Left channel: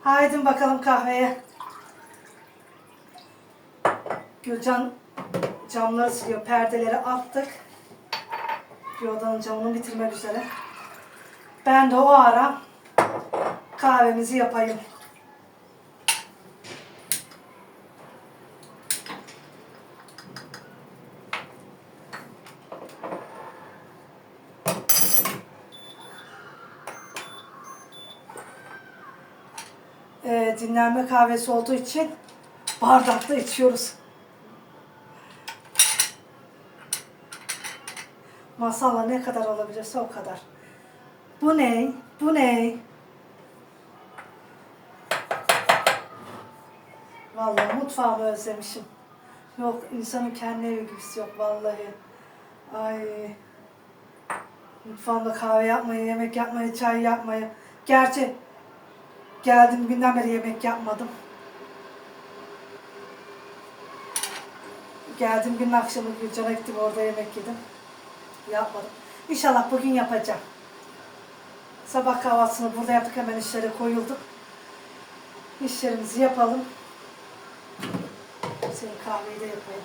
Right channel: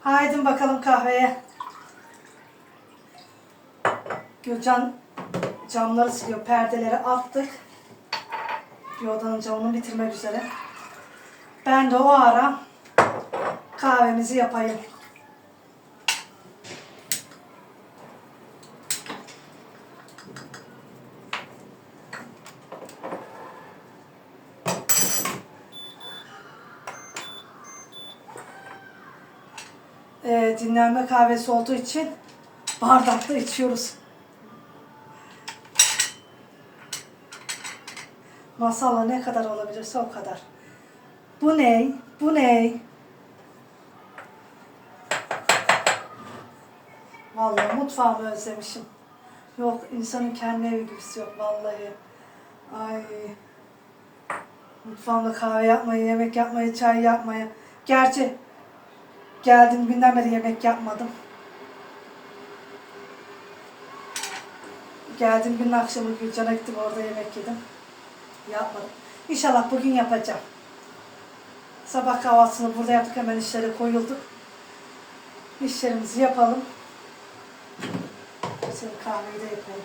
Haydi bakalım kahveye. Gülcan camları siliyor. Perdeleri attık. Bir odanın camını bitirmek üzere. Ben de o ara kahvemizi yapayım. Ee, dinlenme kahvesi olduğu için bardakta içiyoruz. Masala ne kadar olabilirse o kadar. Bu ne? Bu ne? Vallahi mutfağımı özlemişim. Yok insanın kendi evi gibisi yok vallahi. Ay. Mutfağımda kahve yapmayı, yemek yapmayı, çay yapmayı. Gerçi geldim günden beri yemek yapmadım. Geldim günün akşamı Gülcan'a gittim orada yemek yedim. Yapmadım. İnşallah bugün yapacağım. Sabah kahvaltısını burada yaptık hemen işlere koyulduk. İşlerimizi yapalım. Sonra kahveyi de yapalım.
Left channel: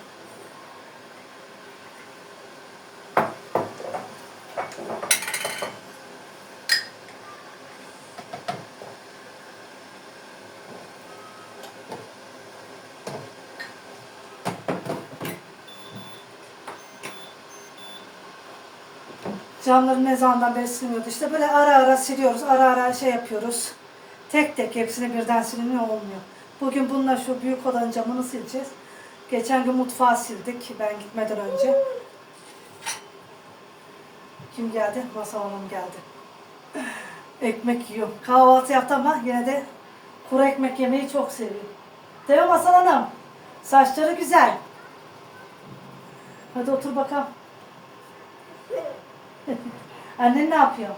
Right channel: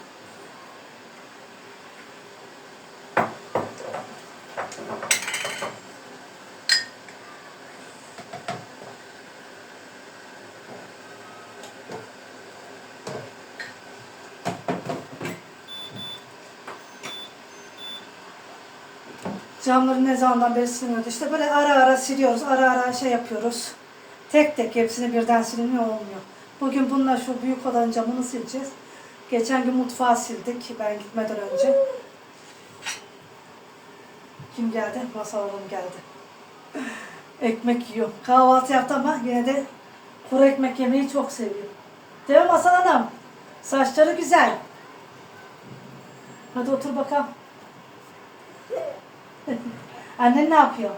Camları ne zamandan beri silmiyordu. İşte böyle ara ara siliyoruz. Ara ara şey yapıyoruz. Tek tek hepsini birden siliniyor olmuyor. Bugün bununla şu büyük odanın camını sileceğiz. Geçen gün mutfağı sildik ben gitmeden önce. Kim geldi? Masal Hanım geldi. Ekmek yiyor. Kahvaltı yaptı ama yine de kuru ekmek yemeyi çok seviyor. Değil mi Masal Hanım? Saçları güzel. Hadi otur bakalım. Annen ne yapıyor?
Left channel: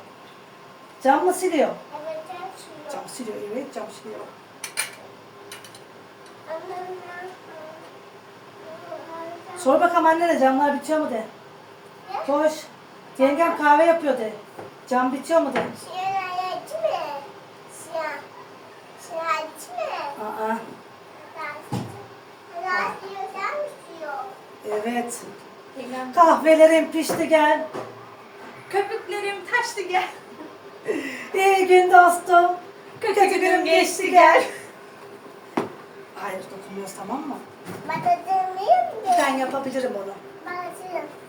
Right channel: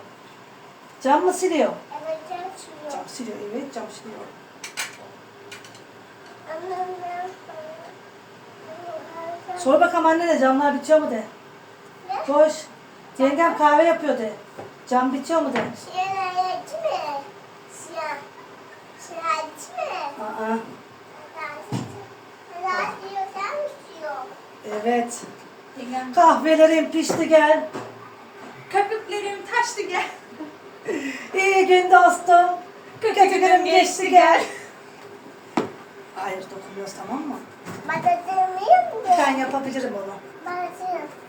Cam mı siliyor? Evet, hepsi Cam siliyor, evet cam siliyor. Sor bakalım annene camlar bitiyor mu de. Koş. Yengem kahve yapıyor de. Cam bitiyor mu de. Aa, evet. Kahvelerim pişti gel. Köpüklerim taştı gel. İyi gün dostum. Kötü günüm geçti gel. Hayır dokunmuyoruz tamam mı? Ben yapabilirim onu. Bana